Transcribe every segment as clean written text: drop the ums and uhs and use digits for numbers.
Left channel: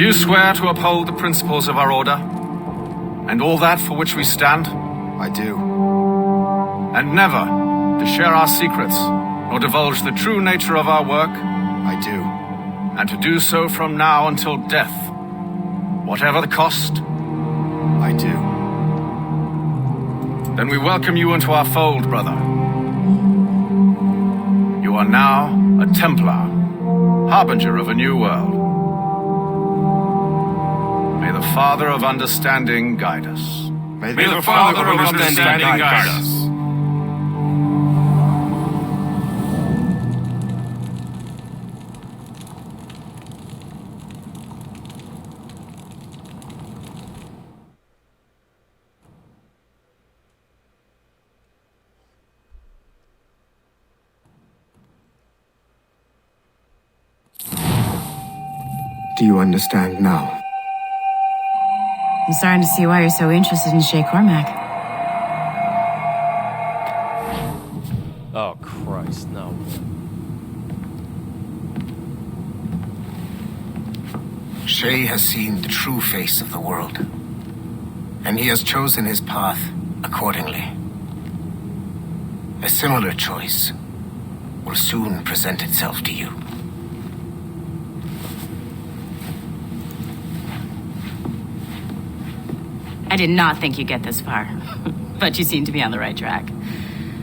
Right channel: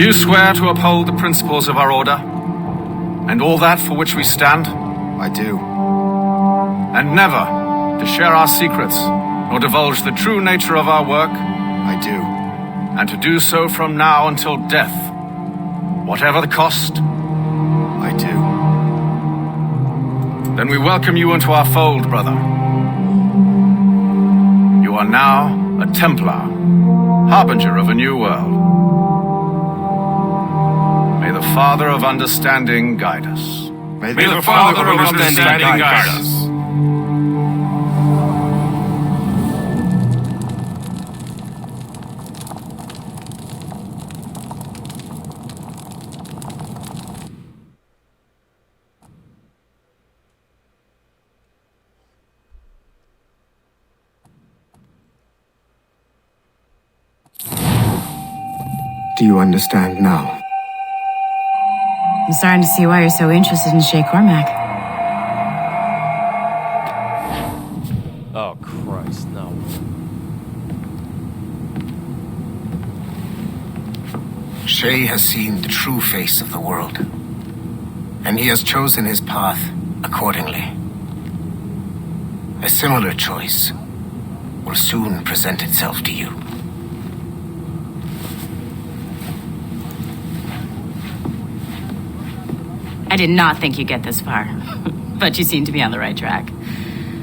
Do you swear to uphold the principles of our order? And all that for which we stand? I do. And never to share our secrets, nor divulge the true nature of our work? I do. And to do so from now until death, whatever the cost? I do. Then we welcome you into our fold, brother. You are now a Templar, harbinger of a new world. May the Father of Understanding guide us. May the Father of Understanding guide us. Do you understand now? I'm starting to see why you're so interested in Shay Cormac. Oh, Christ, no. Shay has seen the true face of the world, and he has chosen his path accordingly. A similar choice will soon present itself to you. I did not think you'd get this far, but you seem to be on the right track.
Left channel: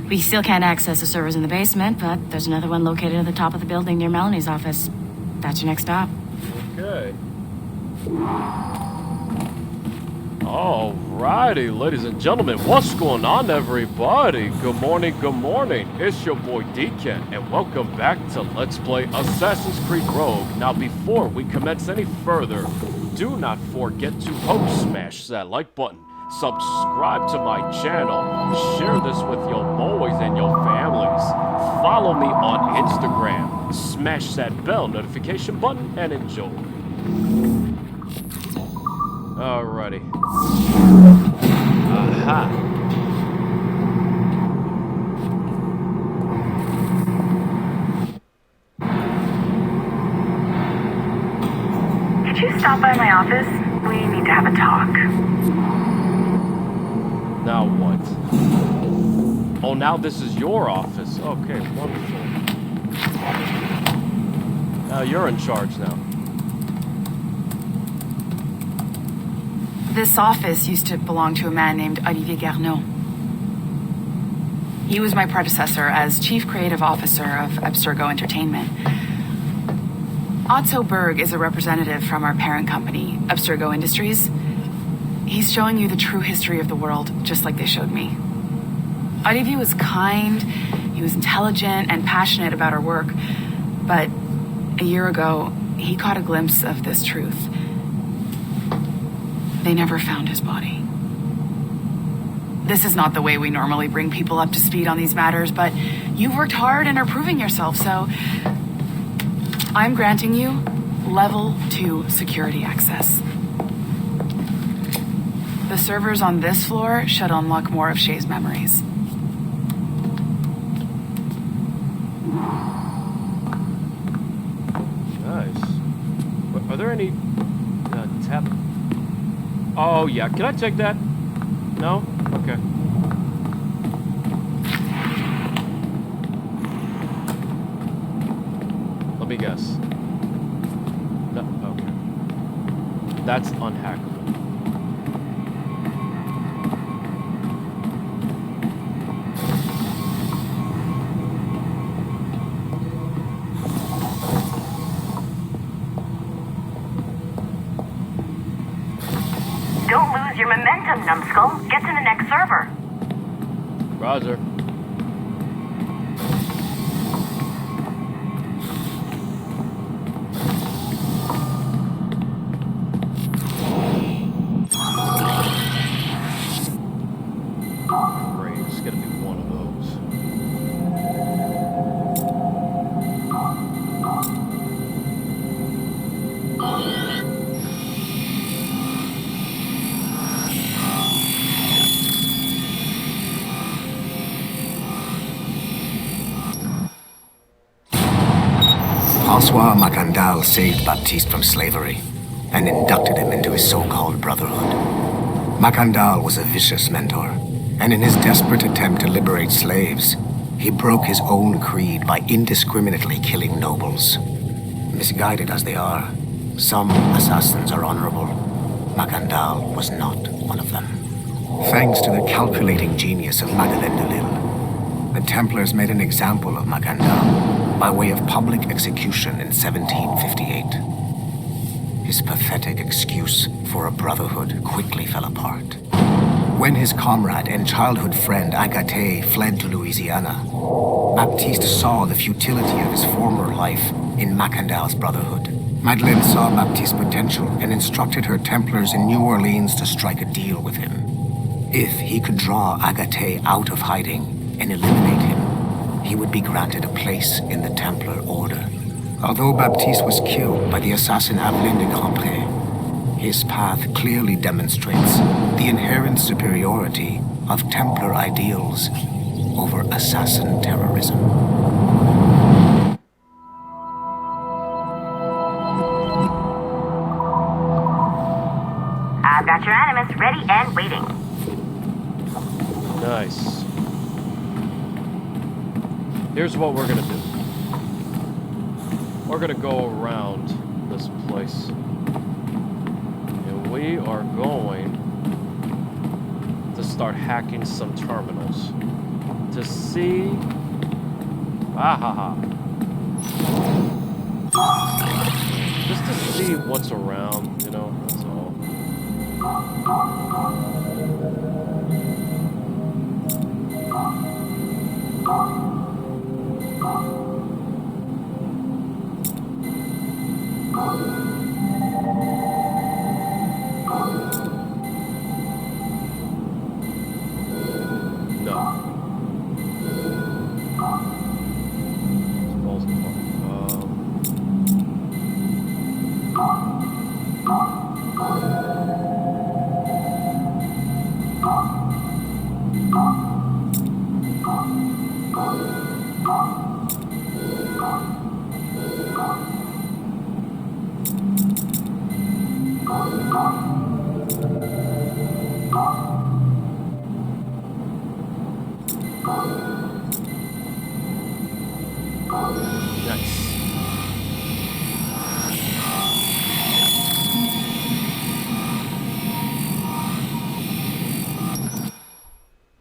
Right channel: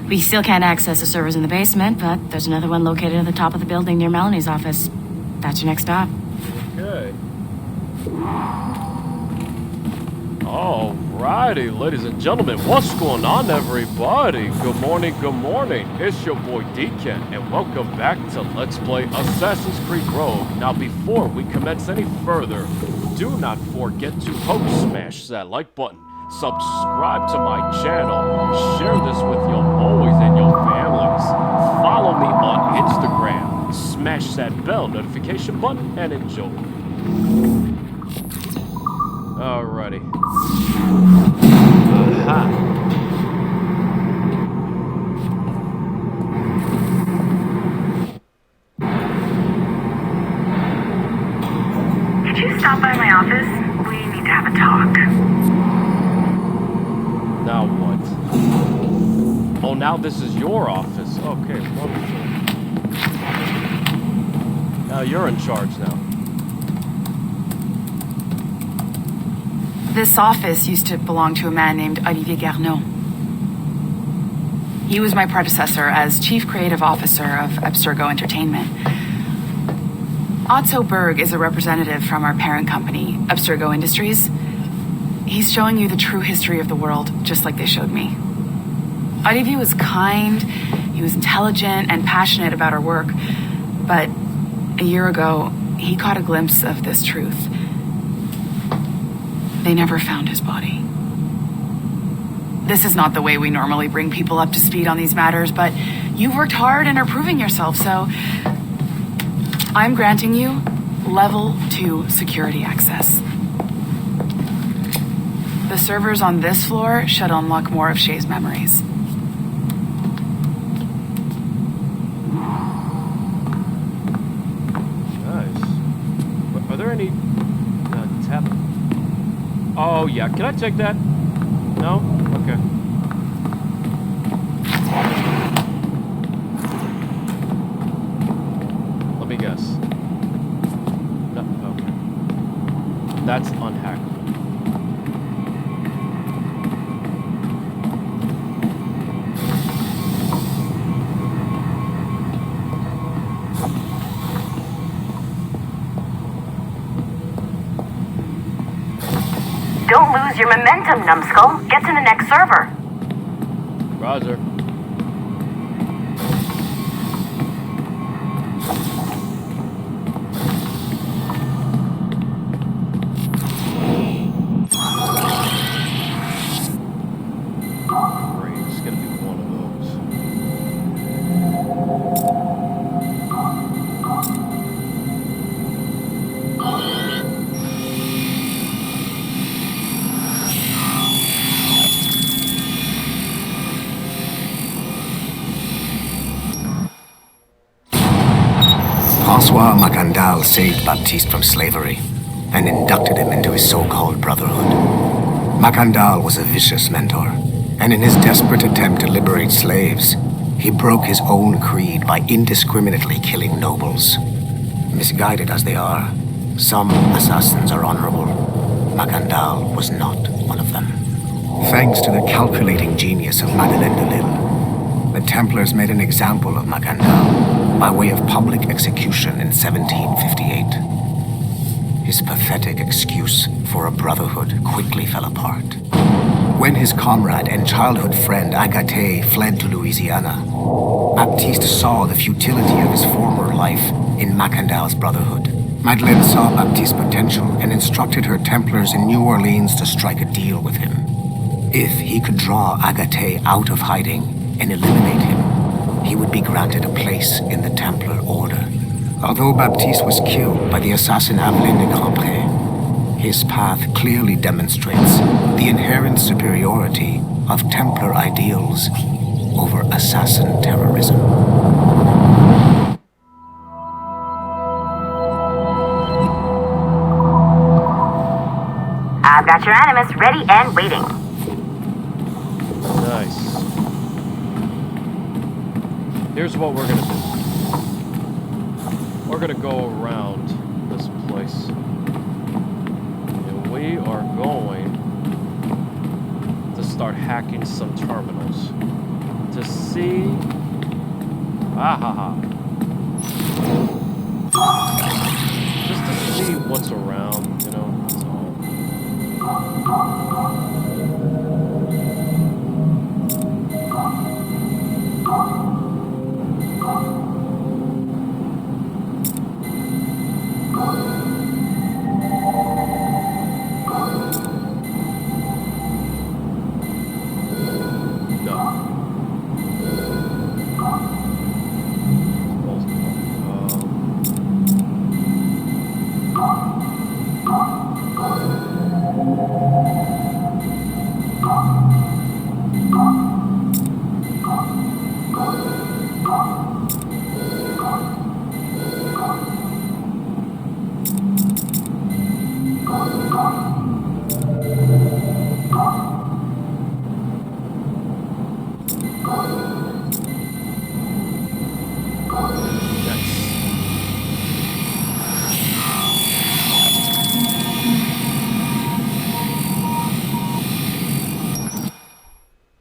We still can't access the servers in the basement, but there's another one located at the top of the building near Melanie's office. That's your next stop. Okay. Alrighty, ladies and gentlemen, what's going on, everybody? Good morning, good morning. It's your boy DKEN, and welcome back to Let's Play Assassin's Creed Rogue. Now, before we commence any further, do not forget to smash that like button, subscribe to my channel, share this with your boys and your families, follow me on Instagram, smash that bell notification button, and enjoy. Alrighty. Aha. Could you stop by my office? We need to have a talk. Now what? Oh, now this is your office. Okay, wonderful. Now you're in charge now. This office used to belong to a man named Olivier Garneau. He was my predecessor as Chief Creative Officer of Abstergo Entertainment. Otto Berg is a representative from our parent company, Abstergo Industries. He's showing you the true history of the world, just like they showed me. Olivier was kind, he was intelligent and passionate about our work, but a year ago, he caught a glimpse of this truth. They never found his body. This is not the way we normally bring people up to speed on these matters, but you've worked hard and are proving yourself, so I'm granting you level 2 security access. The servers on this floor should unlock more of Shay's memories. Nice. Are there any tap? Oh yeah, can I take that? No? Okay. Let me guess. No, okay. That's unhackable. Don't lose your momentum, numbskull. Get to the next server. Roger. Great, it's gonna be one of those. François Macandal saved Baptiste from slavery, and inducted him into his so-called brotherhood. Macandal was a vicious mentor, and in his desperate attempt to liberate slaves, he broke his own creed by indiscriminately killing nobles. Misguided as they are, some assassins are honorable. Macandal was not one of them. Thanks to the calculating genius of Madeleine de Lille, the Templars made an example of Macandal by way of public execution in 1758. His pathetic excuse for a brotherhood quickly fell apart. When his comrade and childhood friend Agathe fled to Louisiana, Baptiste saw the futility of his former life in Macandal's brotherhood. Madeleine saw Baptiste's potential and instructed her Templars in New Orleans to strike a deal with him. If he could draw Agathe out of hiding and eliminate him, he would be granted a place in the Templar Order. Although Baptiste was killed by the assassin Aveline de Grandpré, his path clearly demonstrates the inherent superiority of Templar ideals over assassin terrorism. I've got your animus ready and waiting. Nice. Here's what we're gonna do. We're gonna go around this place. And we are going to start hacking some terminals to see. Just to see what's around, you know, that's all.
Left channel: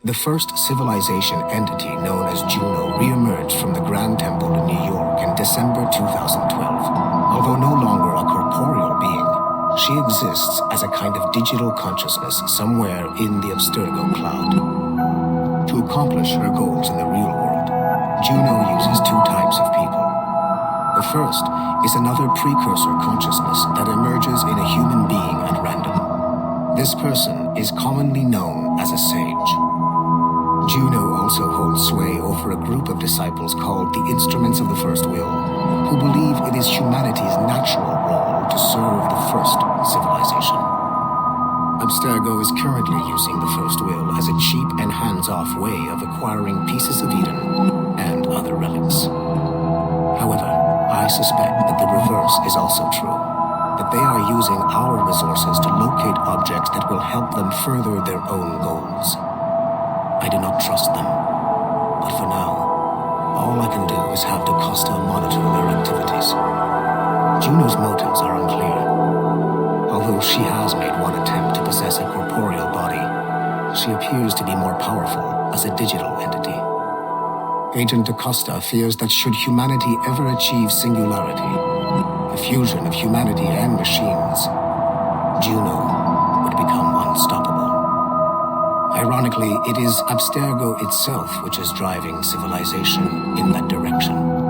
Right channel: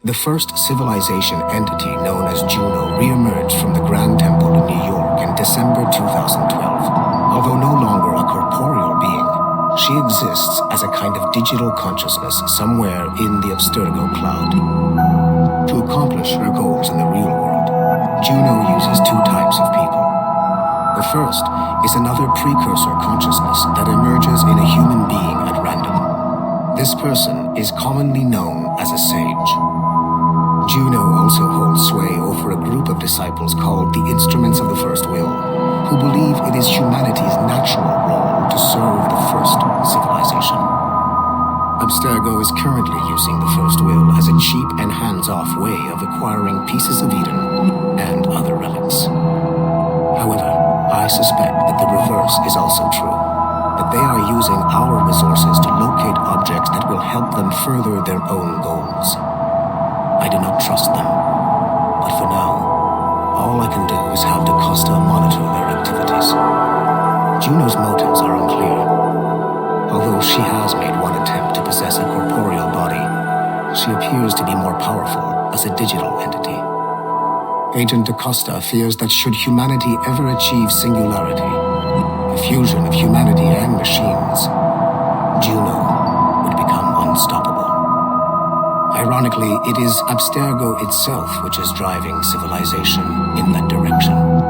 The first civilization entity known as Juno re-emerged from the Grand Temple in New York in December 2012. Although no longer a corporeal being, she exists as a kind of digital consciousness somewhere in the Abstergo cloud. To accomplish her goals in the real world, Juno uses two types of people. The first is another precursor consciousness that emerges in a human being at random. This person is commonly known as a sage. Juno also holds sway over a group of disciples called the Instruments of the First Will, who believe it is humanity's natural role to serve the first civilization. Abstergo is currently using the First Will as a cheap and hands-off way of acquiring pieces of Eden and other relics. However, I suspect that the reverse is also true, that they are using our resources to locate objects that will help them further their own goals. I do not trust them, but for now, all I can do is have DaCosta monitor their activities. Juno's motives are unclear. Although she has made one attempt to possess a corporeal body, she appears to be more powerful as a digital entity. Agent DaCosta fears that should humanity ever achieve singularity, the fusion of humanity and machines, Juno would become unstoppable. Ironically, it is Abstergo itself which is driving civilization in that direction.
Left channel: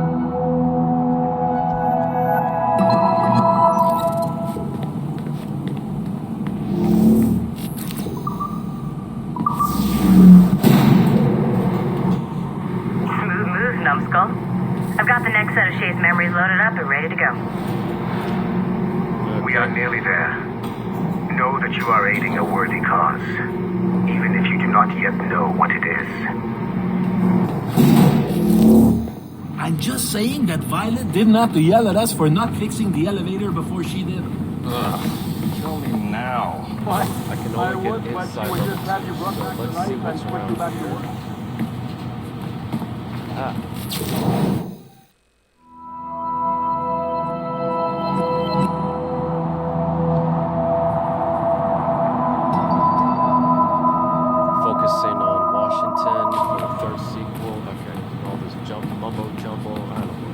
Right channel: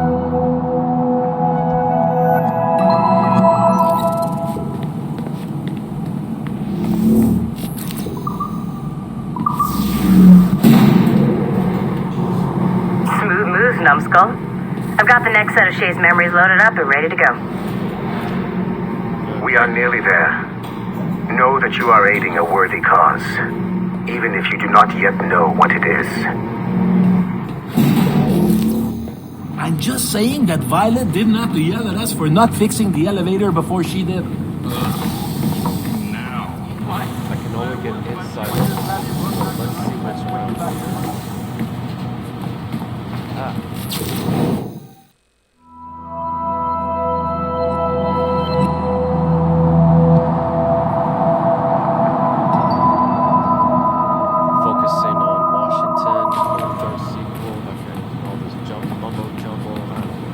Smooth moves, numbskull. I've got the next set of Shay's memories loaded up and ready to go. We are nearly there. Know that you are aiding a worthy cause, even if you do not yet know what it is. I'm just saying that Violet didn't have to yell at us for not fixing the elevator before she did. get inside level 2. So let's see what's around here. Focusing on Washington for the 3rd sequel. Okay, all this mumbo jumbo. I don't know.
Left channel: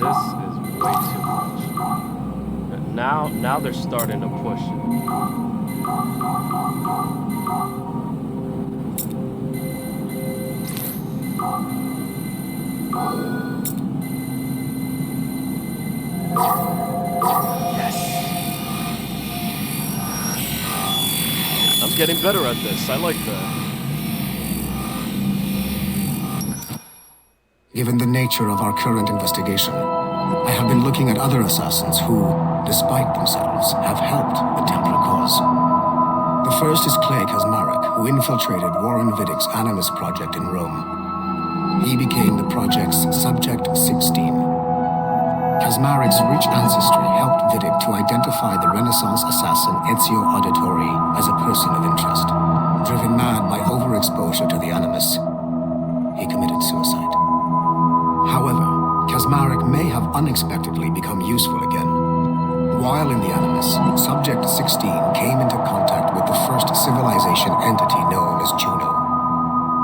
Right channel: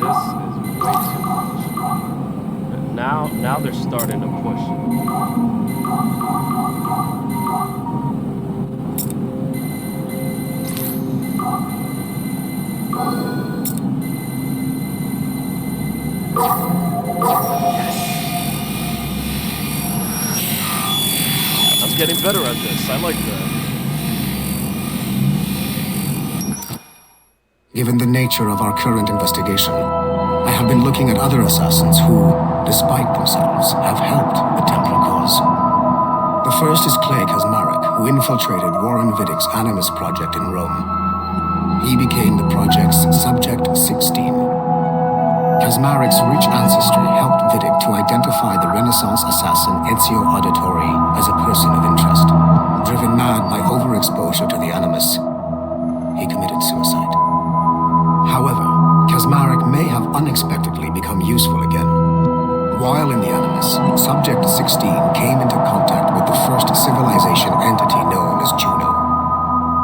This is way too much. Now they're starting to push it. I'm getting better at this. I like that. Given the nature of our current investigation, I have been looking at other assassins who, despite themselves, have helped the Templar cause. The first is Clay Kaczmarek, who infiltrated Warren Vidick's Animus project in Rome. He became the project's Subject 16. Kaczmarek's rich ancestry helped Vidick to identify the Renaissance assassin Ezio Auditore as a person of interest. Driven mad by overexposure to the Animus, he committed suicide. However, Kaczmarek may have unexpectedly become useful again. While in the Animus, Subject 16 came into contact with the first civilization entity known as Juno.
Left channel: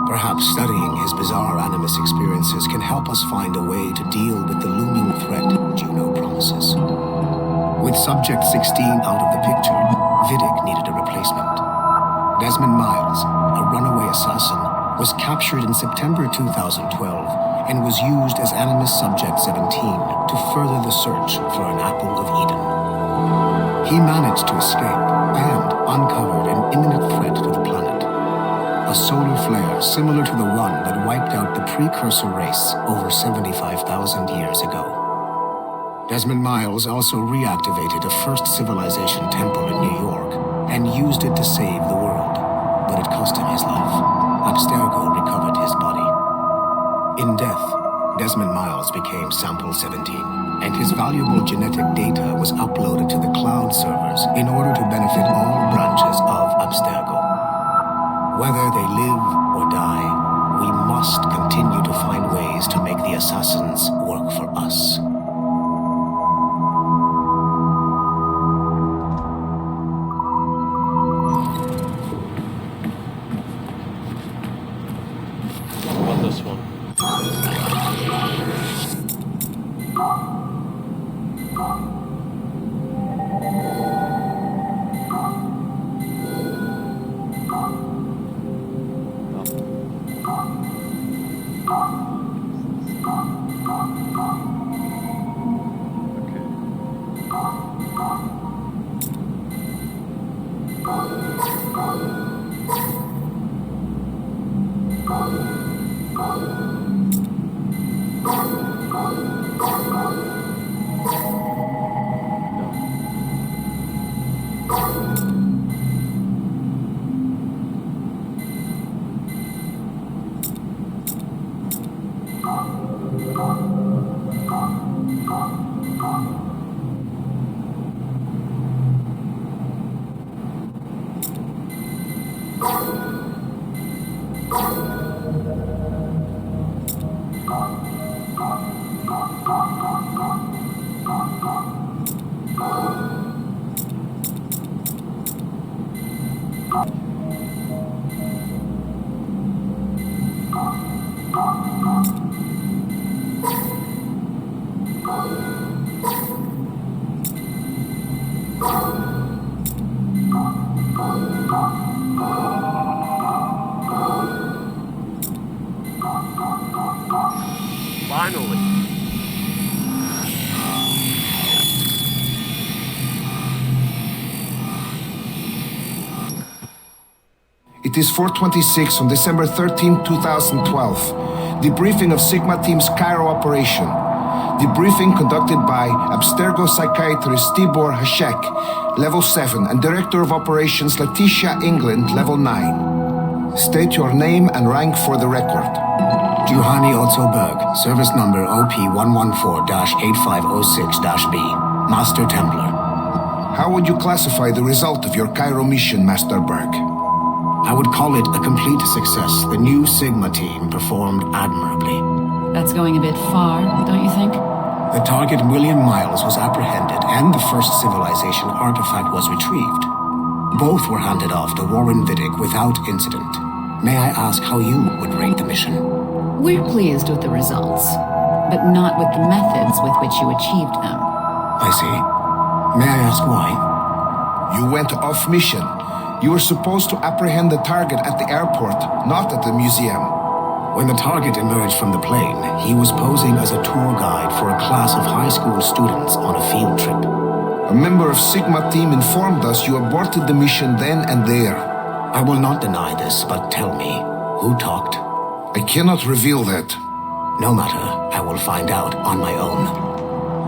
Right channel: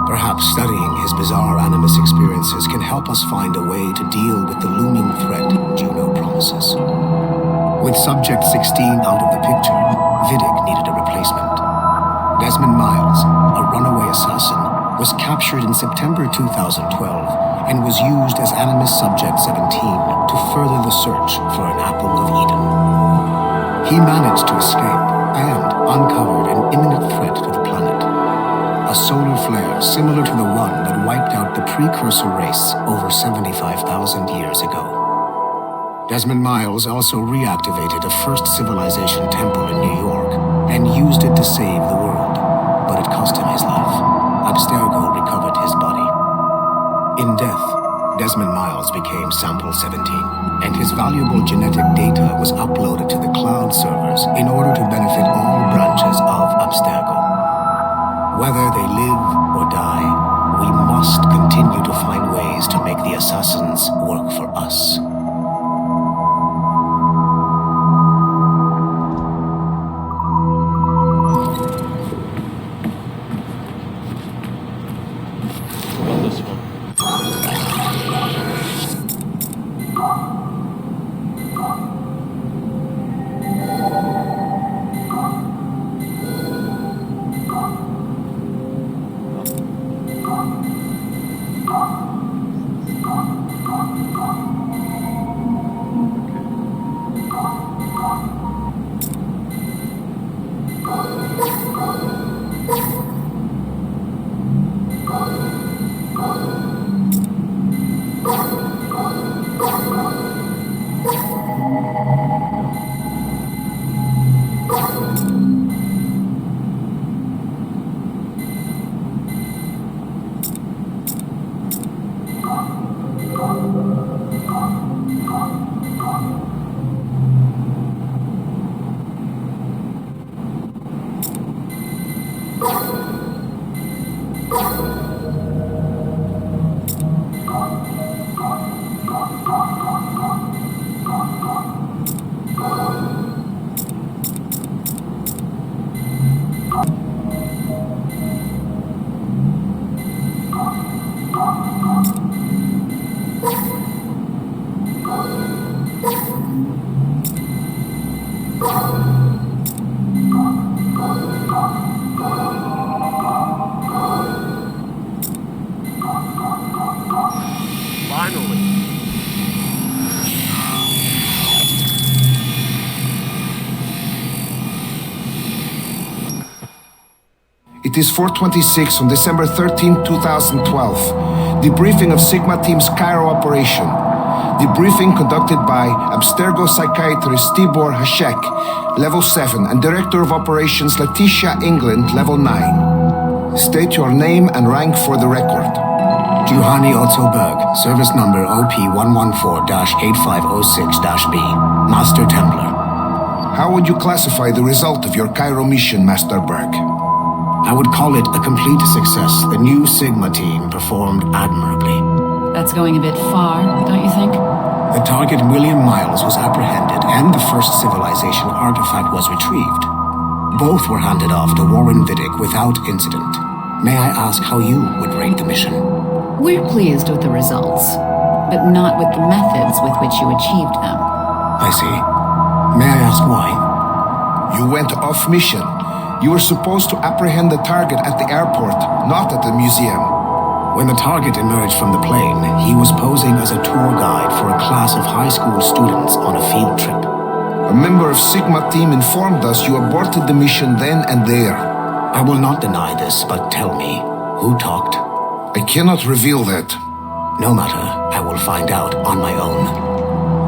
Perhaps studying his bizarre Animus experiences can help us find a way to deal with the looming threat Juno promises. With Subject 16 out of the picture, Vidick needed a replacement. Desmond Miles, a runaway assassin, was captured in September 2012 and was used as Animus Subject 17 to further the search for an Apple of Eden. He managed to escape and uncovered an imminent threat to the planet. A solar flare similar to the one that wiped out the precursor race over 75,000 years ago. Desmond Miles also reactivated a first civilization temple in New York and used it to save the world, but it cost him his life. Abstergo recovered his body. In death, Desmond Miles became Sample 17, and his valuable genetic data was uploaded to the cloud servers in order to benefit all branches of Abstergo. Whether they live or die, we must continue to find ways to make the assassins work for us. What about this one? Finally. It is 4:26 on December 13, 2012. Debriefing of Sigma Team's Cairo operation. Debriefing conducted by Abstergo psychiatrist Tibor Hashek, level 7, and Director of Operations Letitia England, level 9. State your name and rank for the record. Juhani Otso Berg, service number OP-114-8506-B, Master Templar. How would you classify the result of your Cairo mission, Master Berg? I would call it a complete success. The new Sigma team performed admirably. That's going a bit far, don't you think? The target, William Miles, was apprehended and the first civilization artifact was retrieved. Both were handed off to Warren Vidic without incident. May I ask how you would rate the mission? We're pleased with the results, but not with the methods with which you achieved them. I see. May I ask why? You went off mission. You were supposed to apprehend the target at the airport, not at the museum. When the target emerged from the plane, he was posing as a tour guide for a class of high school students on a field trip. A member of Sigma team informed us you aborted the mission then and there. I will not deny this, but tell me, who talked? I cannot reveal that. No matter, I will find out on my own.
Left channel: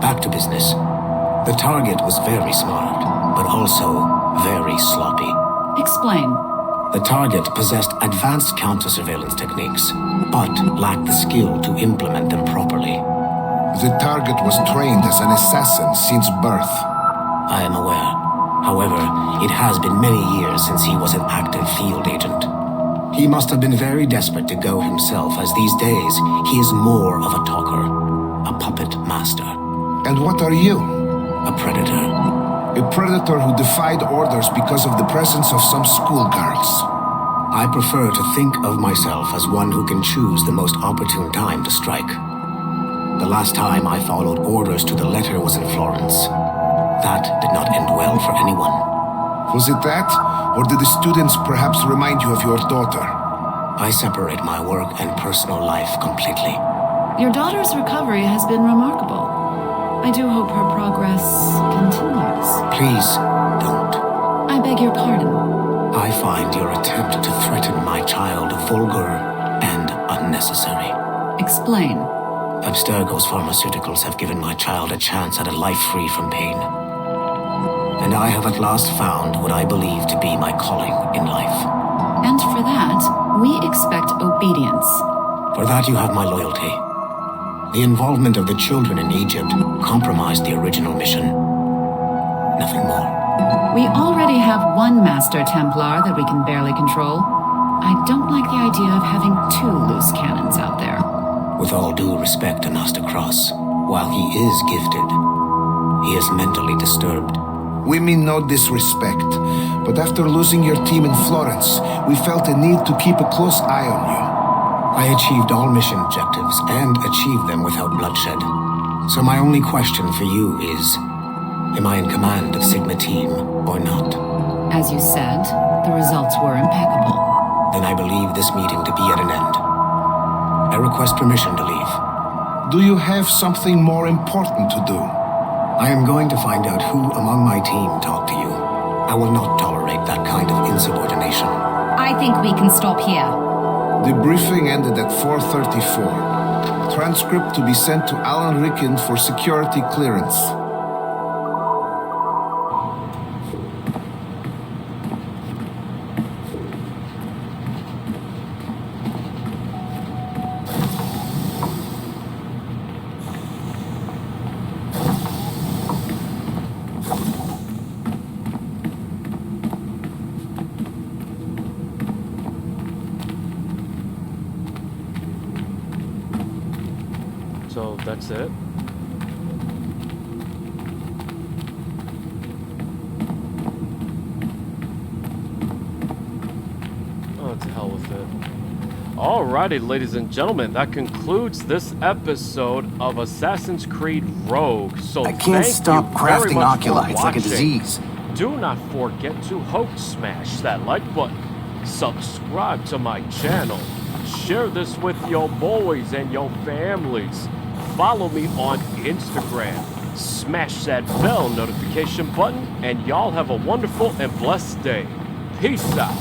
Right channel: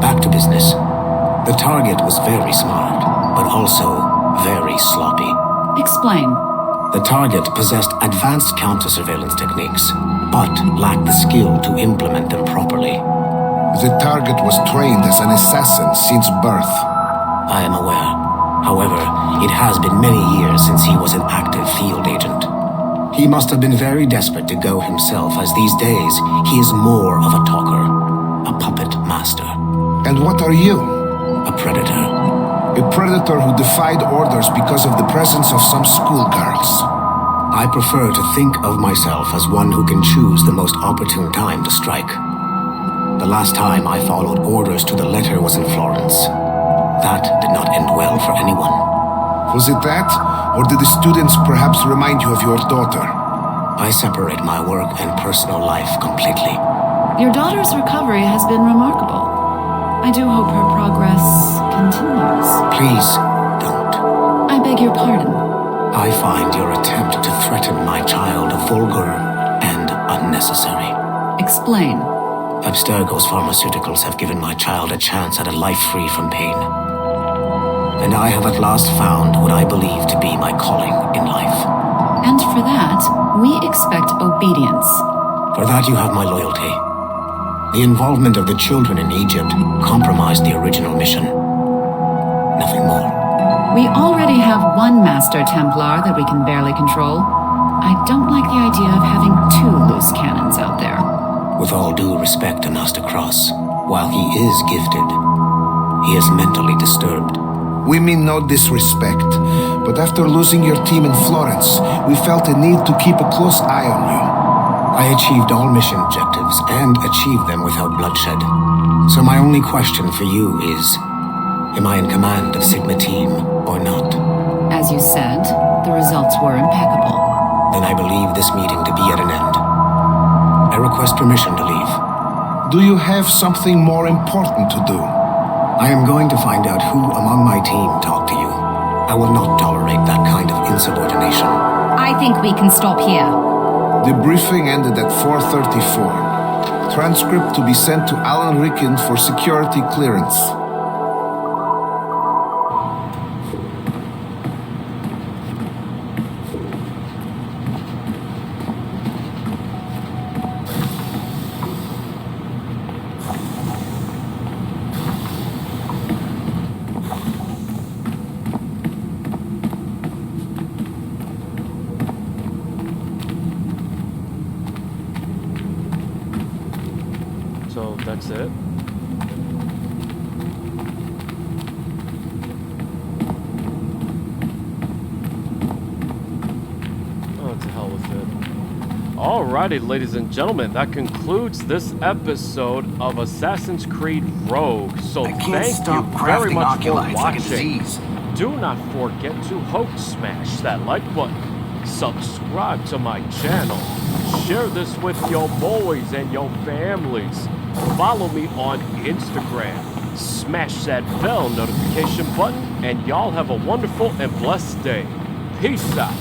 Back to business. The target was very smart, but also very sloppy. Explain. The target possessed advanced counter-surveillance techniques, but lacked the skill to implement them properly. The target was trained as an assassin since birth. I am aware. However, it has been many years since he was an active field agent. He must have been very desperate to go himself, as these days he is more of a talker, a puppet master. And what are you? A predator. A predator who defied orders because of the presence of some schoolgirls. I prefer to think of myself as one who can choose the most opportune time to strike. The last time I followed orders to the letter was in Florence. That did not end well for anyone. Was it that? Or did the students perhaps remind you of your daughter? I separate my work and personal life completely. Your daughter's recovery has been remarkable. I do hope her progress continues. Please, don't. I beg your pardon. I find your attempt to threaten my child vulgar and unnecessary. Explain. Abstergo's pharmaceuticals have given my child a chance at a life free from pain. And I have at last found what I believe to be my calling in life. And for that, we expect obedience. For that you have my loyalty. The involvement of the children in Egypt compromised the original mission. Nothing more. We already have one Master Templar that we can barely control. I don't like the idea of having two loose cannons out there. With all due respect to Master Cross, while he is gifted, he is mentally disturbed. We mean no disrespect, but after losing your team in Florence, we felt a need to keep a close eye on you. I achieved all mission objectives and achieved them without bloodshed. So my only question for you is, am I in command of Sigma team or not? As you said, the results were impeccable. Then I believe this meeting to be at an end. I request permission to leave. Do you have something more important to do? I am going to find out who among my team talked to you. I will not tolerate that kind of insubordination. I think we can stop here. The briefing ended at 4:34. Transcript to be sent to Alan Ricken for security clearance. So that's it. Oh, to hell with it. Alrighty, ladies and gentlemen, that concludes this episode of Assassin's Creed Rogue. So thank you very much for watching. Do not forget to smash that like button, subscribe to my channel, share this with your boys and your families. Follow me on Instagram. Smash that bell notification button, and y'all have a wonderful and blessed day. Peace out.